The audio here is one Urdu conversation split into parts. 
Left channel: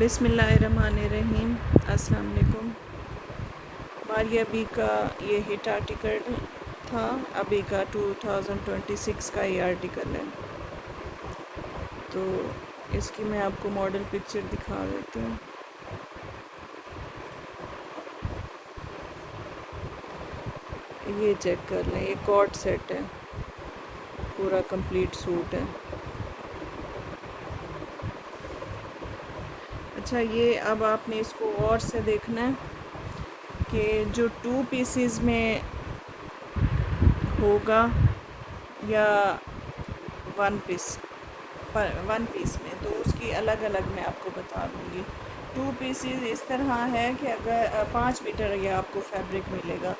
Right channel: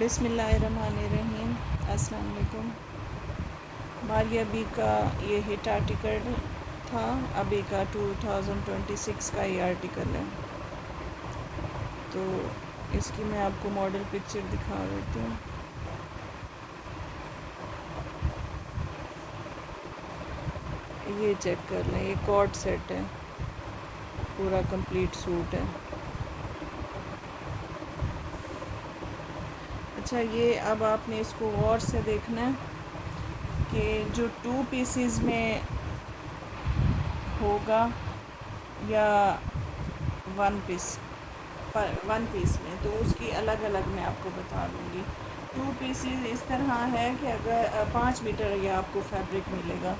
بسم اللہ الرحمن الرحیم۔ السلام علیکم۔ ماریہ بی کا یہ ہٹ آرٹیکل تھا، ابھی کا 2026 کا یہ آرٹیکل ہے، تو اس کی میں آپ کو ماڈل پکچر دکھا دیتی ہوں۔ یہ چیک کر لیں، یہ کارڈ سیٹ ہے، پورا کمپلیٹ سوٹ ہے۔ اچھا، یہ اب آپ نے اس کو غور سے دیکھنا ہے کہ جو 2 پیسز میں ہوگا یا 1 پیس میں، تو اس کی الگ الگ میں آپ کو بتا دوں گی۔ 2 پیسز اس طرح ہے کہ اگر 5 میٹر یہ آپ کو فیبرک ملے گا۔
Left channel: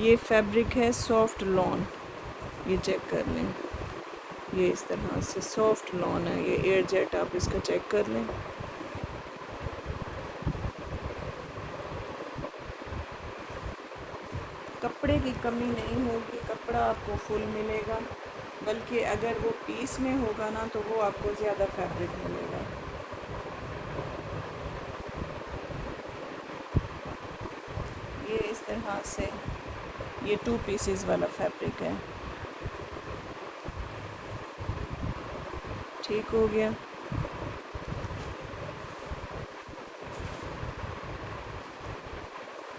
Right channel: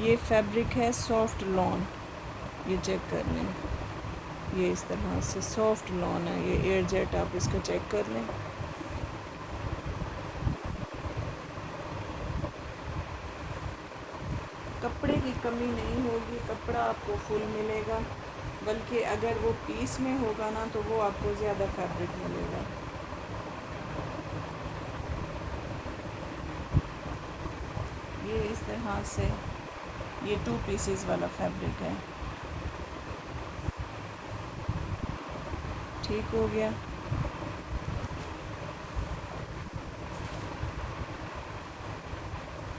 یہ فیبرک ہے سافٹ لون، یہ چیک کر لیں، یہ اس طرح سے سافٹ لون ہے، یہ ایئر جیٹ، آپ اس کو چیک کر لیں۔ کپڑے کی کمی نہیں ہوگی، کپڑا آپ کو فل ملے گا، بلکہ اگر وہ پیس میں ہوگا نا تو وہ آپ کو زیادہ فیبرک ملے گا۔ یہ اس طرح سے یہ 2 پیسز والا فیبرک ہے، ٹھیک ہو گیا۔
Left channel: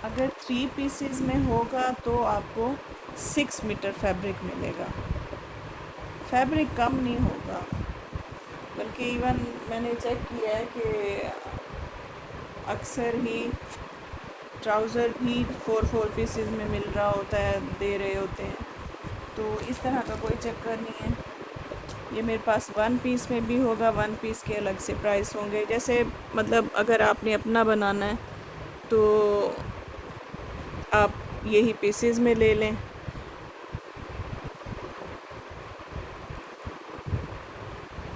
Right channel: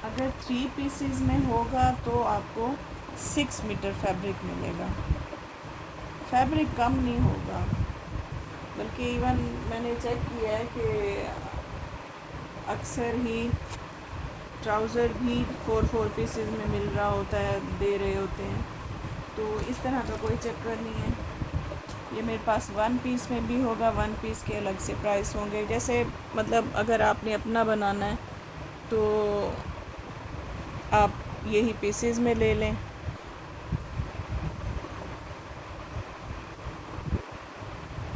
اگر 3 پیسز میں ہوگا تو آپ کو 6 میٹر فیبرک ملے گا، فیبرک کم نہیں ہوگا، بلکہ ایون میں نے چیک کیا ہے کہ اکثر ہی ٹراؤزر بھی 4 پیسز میں مل رہا ہوتا ہے، دے رہے ہوتے ہیں، تو اس طرح کا کوئی چکر نہیں ہے۔ یہ میرے پاس 1 پیس میں بھی ہوگا، 1 پیس کے الگ سے پرائس ہوں گے، جیسے مطلب اگر آپ نے اپنا بنانا ہے تو آپ یہی پیسز میں لے لیں۔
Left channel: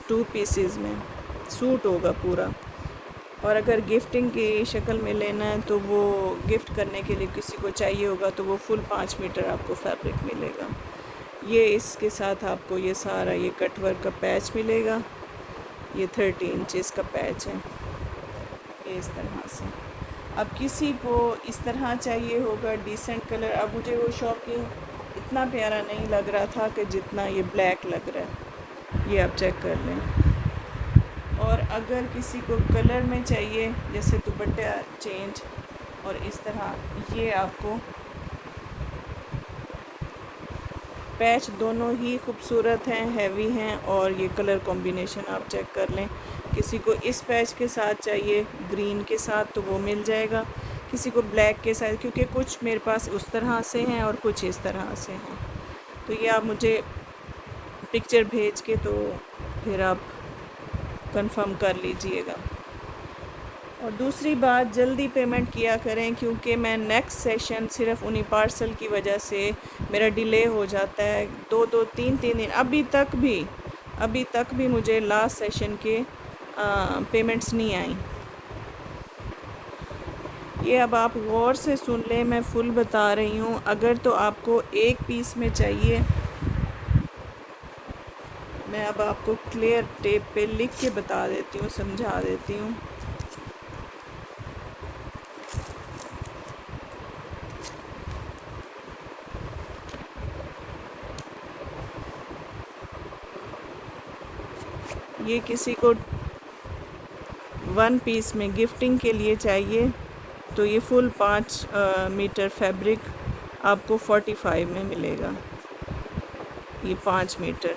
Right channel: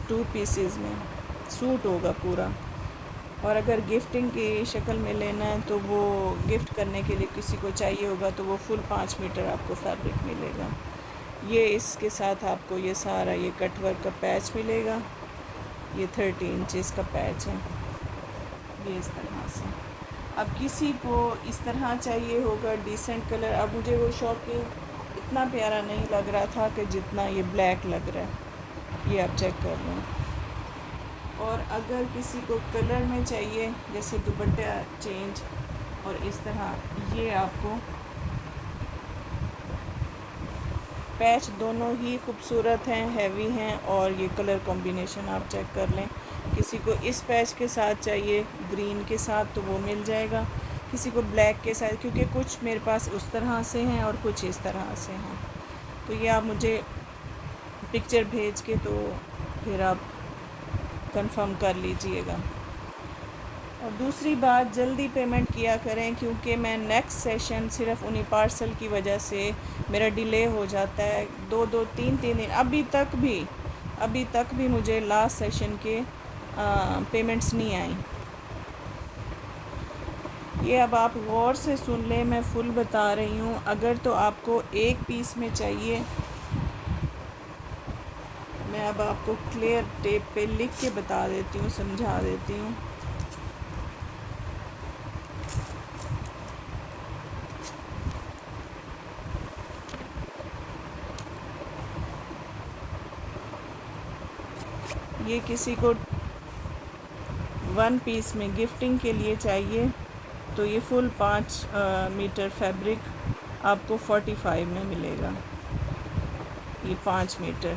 2 پیسز میں سوٹ ہوگا پورا، اور اگر گفٹنگ کی شکل میں لینا ہے تو وہ گفٹ کرنے کے لیے کسی کو چاہیے ہوگا تو وہ فل 5 میٹر آپ کو فیبرک ملے گا۔ یہ اس کے ساتھ آپ کو یہ سارا یہ کٹ ورک کا پیچ ملے گا، یہ 30 انچز کا پیچ ہے، یہ اس طرح سے۔ اب کسی کو اس طرح چاہیے ہوگا ڈیسنٹ کلر، اب مجھے وہ شاپنگ اتنا پیارا نہیں لگ رہا تھا کہ جتنا یہ بلیک لگ رہا ہے، یہ آپ چیک کر لیں۔ اور اگر کسی کو کلر میں چاہیے، جیسے دوپٹہ چینج اور اس طرح، یہ آپ کو پیچ دونوں ہی خوبصورت ہیں، ہیوی ہیں، اور یہ کلر کمبینیشن آپ چیک کر لیں۔ کسی کو اس پیچ کے ساتھ چاہیے گرین کے ساتھ تو وہ مل جائے گا، کسی کو بلیک کے ساتھ، کیونکہ کچھ میرے پاس اس طرح سے ہیں اور کچھ اس طرح سے ہیں، تو یہ آپ مجھے پکچر بھیج کے تو پھر آپ کنفرم کر لیجئے گا۔ اور دوسری بات، جلدی پیمنٹ کیا کریں، کیونکہ میں نیکسٹ سیشن صرف انہی پارسل کی وجہ سے میرا ڈیلے ہو جاتا ہے، 2-3 دن، ابھی تک بھی مجھے لاسٹ سیشن کے پیمنٹس نہیں آئیں۔ یہ اب آپ غور سے سن لیں، میں فل بتا رہی ہوں۔ اگر تو آپ کو 1 پیس میں چاہیے، میں اب آپ کو کلیئر ٹیپ پہ لکھ کے بتا دیتی ہوں، سمجھا دیتی ہوں۔ یہ کسی کو 1 پیس میں گفٹنگ کے لیے چاہیے تو یہ فل 5 میٹر فیبرک آپ کو 45 میں ملے گا، یہ 5 میٹر۔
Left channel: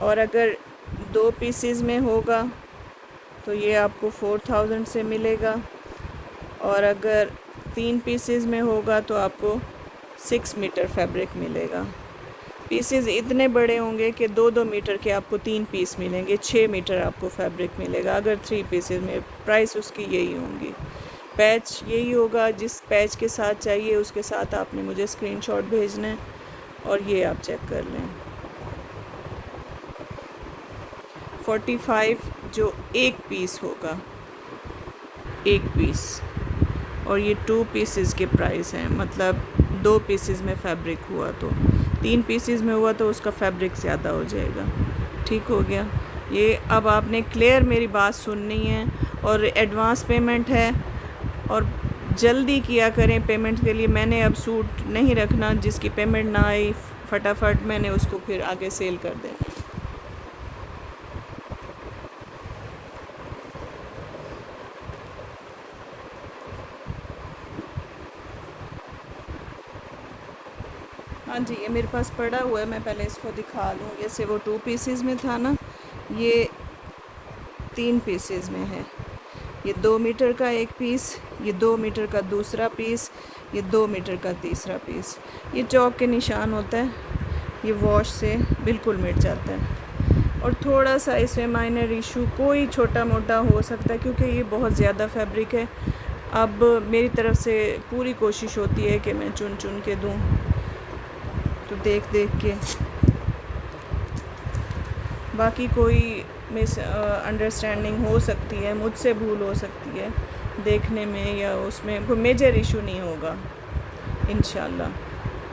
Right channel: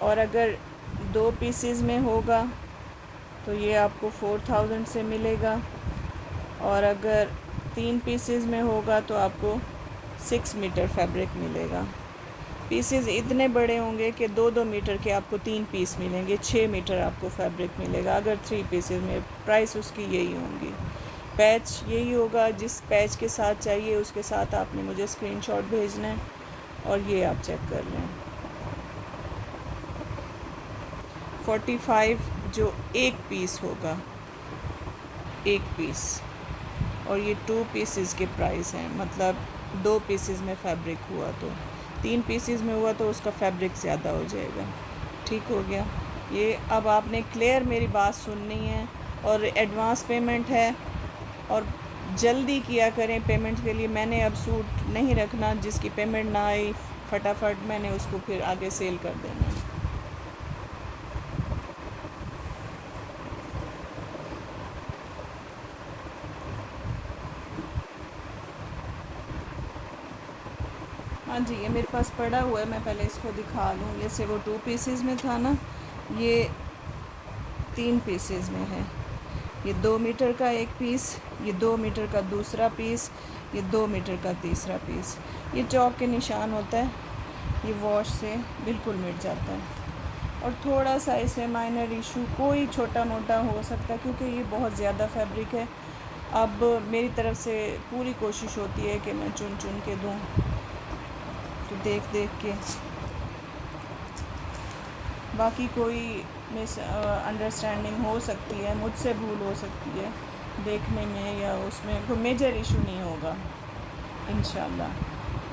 اور اگر 2 پیسز میں ہوگا تو یہ آپ کو 4000 سے ملے گا، اور اگر 3 پیسز میں ہوگا تو آپ کو 6 میٹر فیبرک ملے گا۔ پیسز اتنے بڑے ہوں گے کہ 2-2 میٹر کے آپ کو 3 پیس ملیں گے، 6 میٹر آپ کو فیبرک ملے گا اگر 3 پیسز میں، پرائس اس کی یہی ہوں گی۔ پیچ یہی ہوگا، جس پیچ کے ساتھ چاہیے اس کے ساتھ آپ نے مجھے اسکرین شاٹ بھیجنا ہے، اور یہ آپ چیک کر لیں۔ 45 جو 1 پیس ہوگا، 1 پیس، اور یہ 2 پیسز کے پرائس ہیں، مطلب 2 پیسز میں فیبرک ہوا تو 3 پیسز میں ہوا تو اس کا فیبرک زیادہ ہو جائے گا۔ ٹھیک ہو گیا. یہ اب آپ نے کلیئر میری بات سننی ہے، اور ایڈوانس پیمنٹ ہے، اور جلدی کیا کریں پیمنٹ کے لیے. میں نے اب سوٹ نہیں رکھنا، جس کی پیمنٹ نہ آئی فٹافٹ میں نے اس کو پھر آگے سیل کر دینا ہے. ہاں جی، یہ میرے پاس پڑا ہوا ہے، میں پہلے اس کو دکھا لوں. جیسے وہ 2 پیسز میں تھا نا، یہ 3 پیسز میں ہے. یہ 2 میٹر کا ایک پیس، یہ 2 میٹر کا دوسرا پیس، یہ 2 میٹر کا تیسرا پیس. یہ چوک کے نشان ہوتا ہے، یہ واش سے بالکل مٹ جاتا ہے. اور تھوڑا سا اس میں مائنر ایشو کوئی چھوٹا موٹا ہو سکتا ہے، کیونکہ یہ بہت زیادہ فیبرک ہے. اب میری طرف سے پوری کوشش ہوتی ہے کہ میں چن چن کے دوں، تو دیکھ کے باقی کوئی مس انڈرسٹینڈنگ ہو سکتی ہے، مجھ سے بھول ہو سکتی ہے دیکھنے میں، یا اس میں کوئی میجر ایشو نہیں ہوگا انشاءاللہ.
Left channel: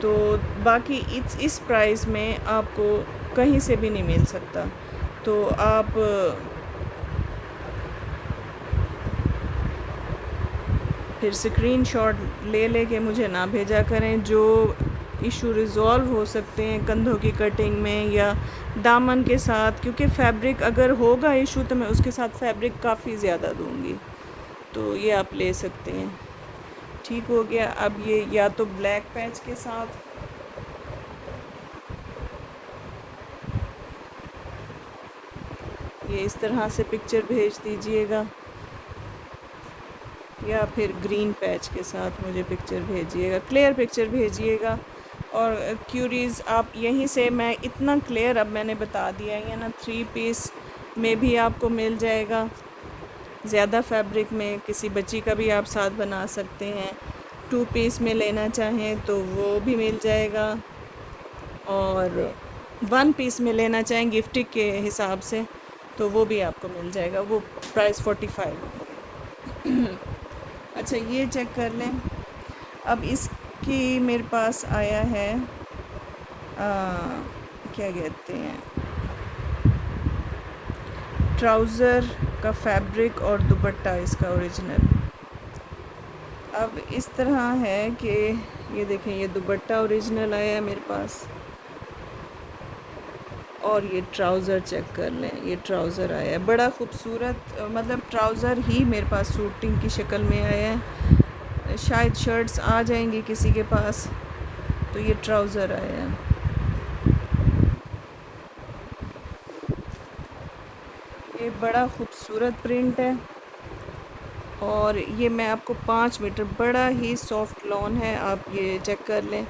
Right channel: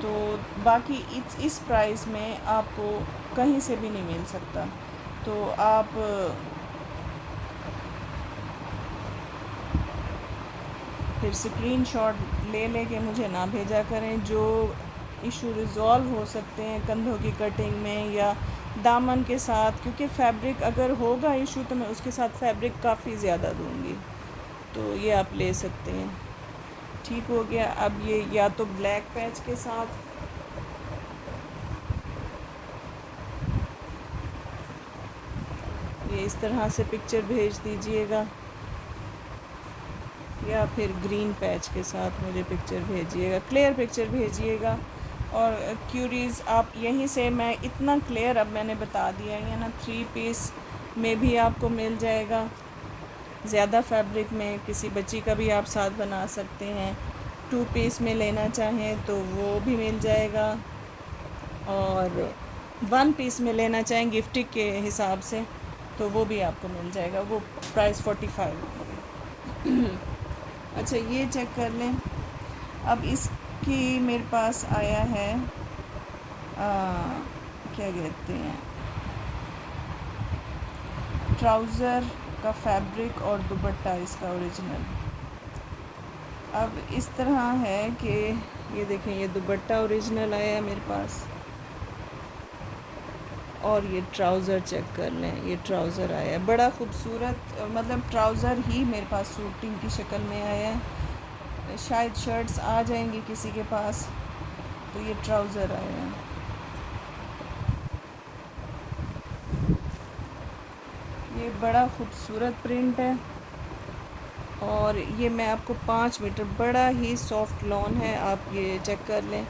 تو باقی اس پرائز میں آپ کو کہیں سے بھی نہیں مل سکتا. تو آپ پھر اسکرین شاٹ لے کے مجھے نہ بھیجا کریں. جو ایشو ریزولو ہو سکتے ہیں کندھوں کی کٹنگ میں یا دامن کے ساتھ، کیونکہ فیبرک اگر ہوگا ایشو تو میں اس کے ساتھ فیبرک کافی زیادہ دوں گی، تو یہ آپ لے سکتے ہیں. ٹھیک ہو گیا. اب یہ یا تو بلیک پیچ کے ساتھ، یہ اس طرح سے پکچر بھیج دیجئے گا، یا پھر گرین پیچ کے ساتھ مجھے پکچر بھیجیے گا، کلیئر پکچر بھیجیے گا. اور کیوریز آپ یہیں سے، میں اتنا کلیئر اب میں نے بتا دیا ہے نا. 3 پیس میں بھی آپ کو مل جائے گا، زیادہ فیبرک میں کسی بچی کا بھی آپ ساتھ بنا سکتے ہیں. 2 پیس میں لینا چاہیں تو وہ بھی مل جائے گا، اور 1 پیس میں لینا چاہیں گفٹ کے حساب سے تو وہ بھی آپ کو مل جائے گا. وہ پرائس 45. اچھا، یہ چیک کر لیں. اب اس کی میرے پاس آیا ہے کیا کہتے ہیں، ٹراؤزر کا فیبرک اور دوپٹہ اس کا اوریجنل. اب اس طرح ہے کہ یہ دیکھیں، یہ دوپٹہ اوریجنل آیا ہے میرے پاس، اور یہ ٹراؤزر چیک کر لیں. یہ ٹراؤزر آیا ہے بڑا خوبصورت، مطلب ٹراؤزر ہی میرے پاس سوٹنگ کی شکل میں آیا ہے. شاید شرٹس آ جائیں گی کسی کے پاس، تو یہ ٹراؤزر آیا ہے. یہ بڑا خوبصورت پرنٹ ہے، اور یہ میں آپ کو 5 میٹر، بڑا ہی سافٹ لون ہے. آپ یہ چیک کر لیں.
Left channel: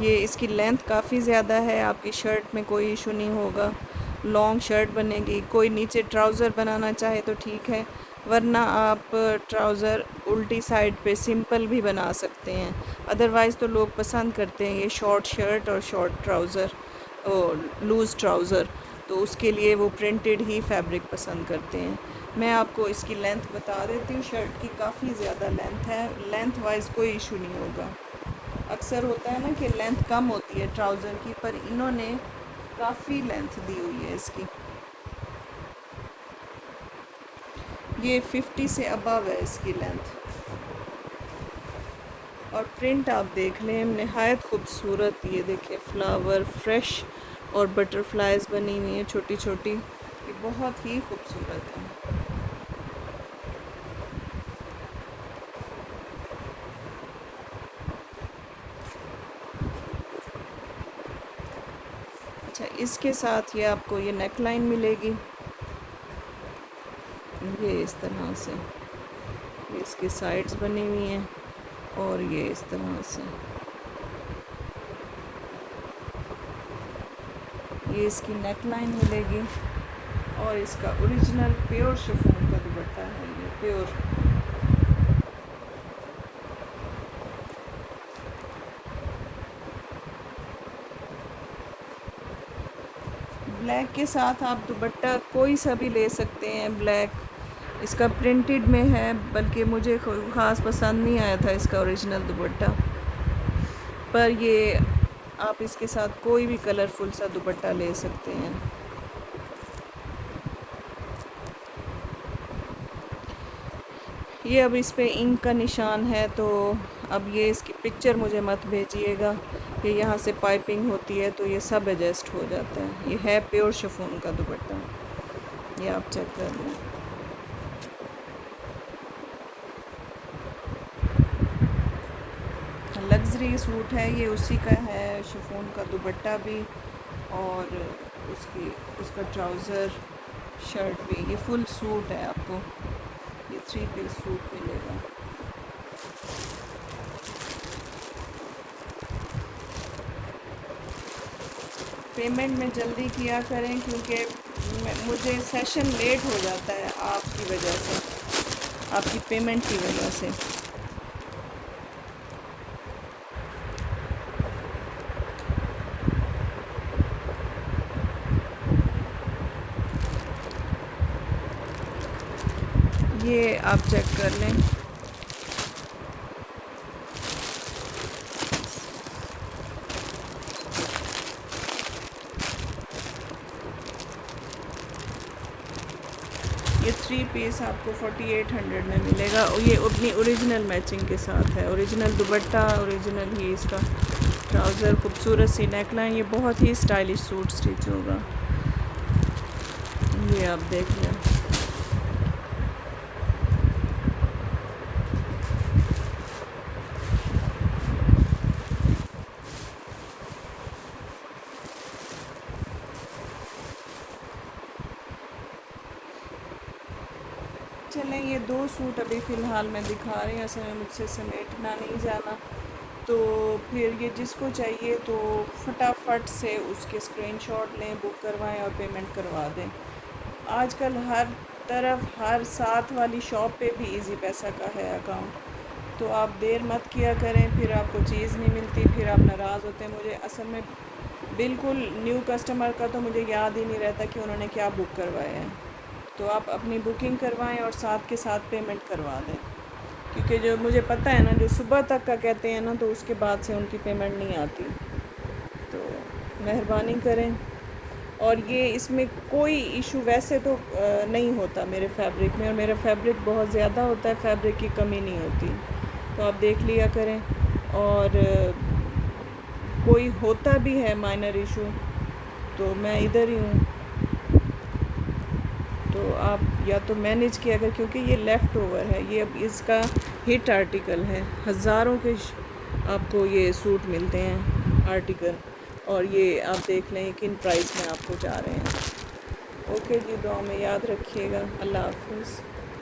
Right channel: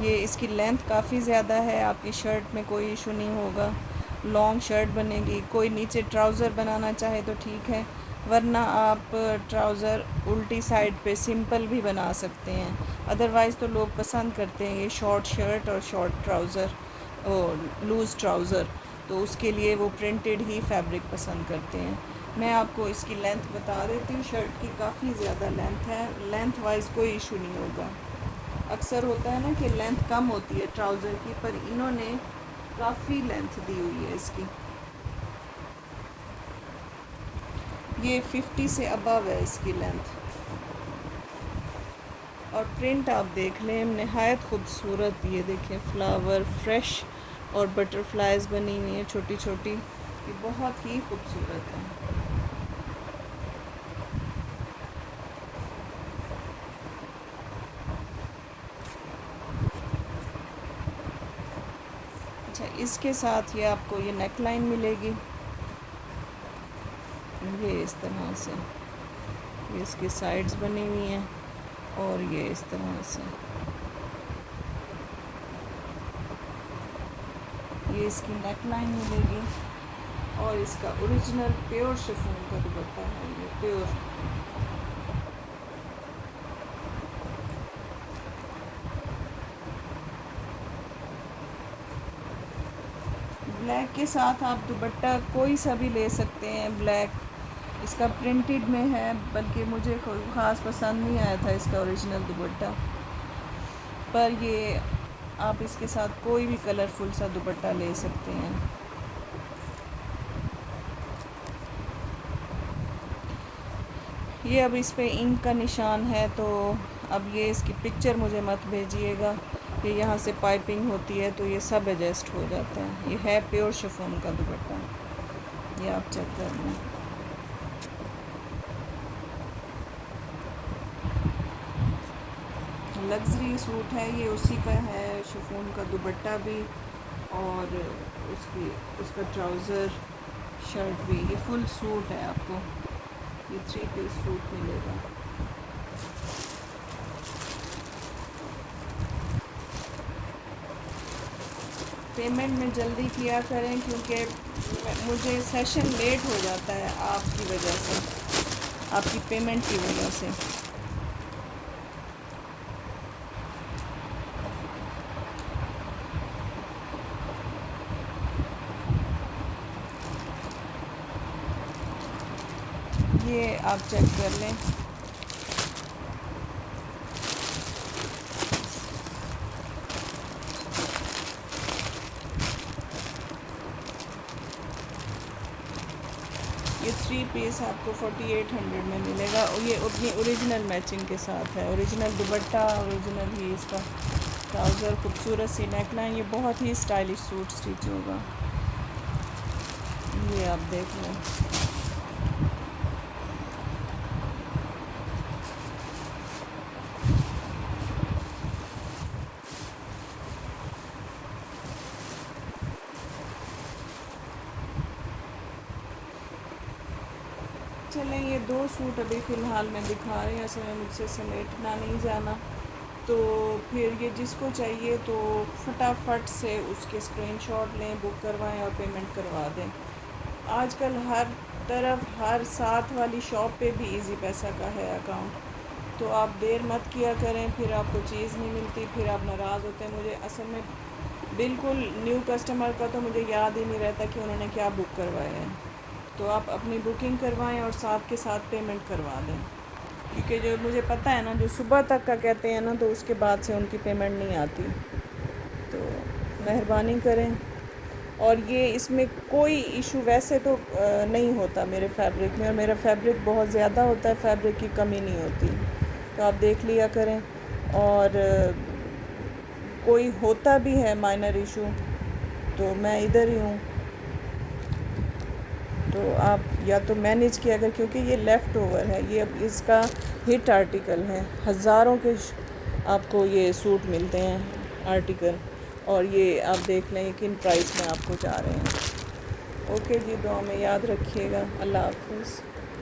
یہ اس کی لینتھ کافی زیادہ ہے، آپ کی شرٹ میں کوئی ایشو نہیں ہوگا. لانگ شرٹ بنے گی. کوئی نیچے ٹراؤزر بنانا چاہے تو ٹھیک ہے، ورنہ آپ ٹراؤزر الٹی سائڈ پہ سمپل بھی بنا سکتے ہیں. ادروائز تو لوگ پسند کرتے ہیں یہ شارٹ شرٹ اور شارٹ ٹراؤزر، لوز ٹراؤزر، تو اس کے لیے وہ پرنٹڈ ہی فیبرک پسند کرتے ہیں. میں آپ کو اس کی لینتھ بتا دیتی ہوں. شرٹ کی کافی زیادہ لینتھ ہے، لینتھ وائز کوئی ایشو نہیں ہوگا. اکثر ہوتا ہے نا کہ لینتھ کم ہوتی ہے ٹراؤزر کی، پر انہوں نے کافی لینتھ دی ہوئی ہے اس کی. یہ 50 سے ابو ہے اس کی لینتھ. اور پرنٹ آپ دیکھ لیں، نہایت خوبصورت. یہ دیکھیں، فلاور فریش اور بٹر فلائز بنی ہوئی ہیں چھوٹی چھوٹی. یہ بہت ہی خوبصورت ہے. اچھا، اس کے ساتھ یہ آپ کو یہ نیک لائن ملے گی، یہ اس طرح سے. یہ اس کی سائڈز بنی ہوئی ہیں، اور یہ اس طرح سے. یہ اس کی نیک لائن ملے گی، اور اس کا اوریجنل پیور شفون کا دوپٹہ ہے. یہ پیور بلیک کے ساتھ آپ دوپٹہ کوئی سا بھی لے سکتے ہیں. بلیک اس کا پرنٹڈ میں ہے، بلکہ مجھے خاص پسند نہیں آیا تھا اس کا اوریجنل دوپٹہ. پر یہ آپ اس کے ساتھ کوئی بھی کلرفل سا دوپٹہ لے سکتے ہیں. یہ اب اس پہ انک کا نشان ہے، تو اب یہ اس کی پکچر مجھے مت بھیجیے گا. یہ یہاں سے پائپنگ ہوتی ہے تو یہ سب ایڈجسٹ ہو جاتا ہے. یہ ہے پیور شفون کا دوپٹہ، یہ آپ چیک کر لیں. لگژری سوٹ ہے یہ، اسی کا ہے. شفون کا دوپٹہ بھی اور اس کا ٹراؤزر شرٹ بھی. یہ فل سوٹ ہے، آپ کو یہ 3 پیس سوٹ ملے گا. پیمنٹ میں جلدی کیا کریں کیونکہ مجھے سیشن لیٹ ہو جاتا ہے آپ کی وجہ سے، آپ کی پیمنٹ کی وجہ سے. یہ آپ چیک کر لیں. یہ 3 پیس آپ کو 4800 میں ملے گا. یہ اپنی اوریجنل میچنگ کے ساتھ ہے، اوریجنل دوپٹہ، اوریجنل ہی اس کا ٹراؤزر، خوبصورت سی نیک لائن. یہ بہت ہی اسٹائلش سوٹ اسٹچ ہوگا. یہ آپ دیکھ لیں. چلیں یہ 2 سوٹ ابھی فی الحال میں دکھا رہی ہوں، اصل میں مجھ سے سمیٹنا نہیں جانا. تو پھر یہ جس کو چاہیے تو فٹافٹ سے اس کے اسکرین شاٹ لیں، بک کروائیں اور پیمنٹ کروا دیں. آج کل ہر طرف، ہر ساتھ والی شاپ پہ بھی ایزی پیسہ کا ہے اکاؤنٹ. تو آپ دیر مت کیا کریں، پھر آپ کو چیز نہیں ملتی، پھر آپ ناراض ہوتے ہیں. مجھے اصل میں بالکل نیو کسٹمر کا تو مجھے یاد ہی نہیں رہتا کہ انہوں نے کیا بک کروایا ہے. تو آپ اپنی بکنگ کروائیں اور ساتھ کے ساتھ پیمنٹ کروا دیں، کیونکہ جو مجھے پتہ ہے نا، جو صبح تک کا کہتے ہیں نا، تو اس کے بعد سے ان کی پیمنٹ نہیں آتی. تو مہربانی کریں. اور یہ اس میں کوئی ایشو ویسے تو نہیں ہوتا میرے فیبرک میں، اور میرا فیبرک بہت زیادہ ہوتا ہے، فیبرک کی کمی نہیں ہوتی. تو آپ دیکھ لیا کریں. اور کوئی ہوتا بھی ہے مائنر ایشو تو میں ادھر ہی ہوں، تو آپ یا تو مینیج کیا اگر، کیونکہ یہ لیفٹ اوور ہے، یہ اب اس کا ہٹ آرٹیکل ہے. ہزاروں کے آپ کو یہ سوٹ ملتے ہیں آرٹیکل، اور یہ آپ دیکھ لیں کن پرائس میں آپ کو جا رہے ہیں. اوکے جی، دعا میں یاد رکھیے گا. اللہ حافظ.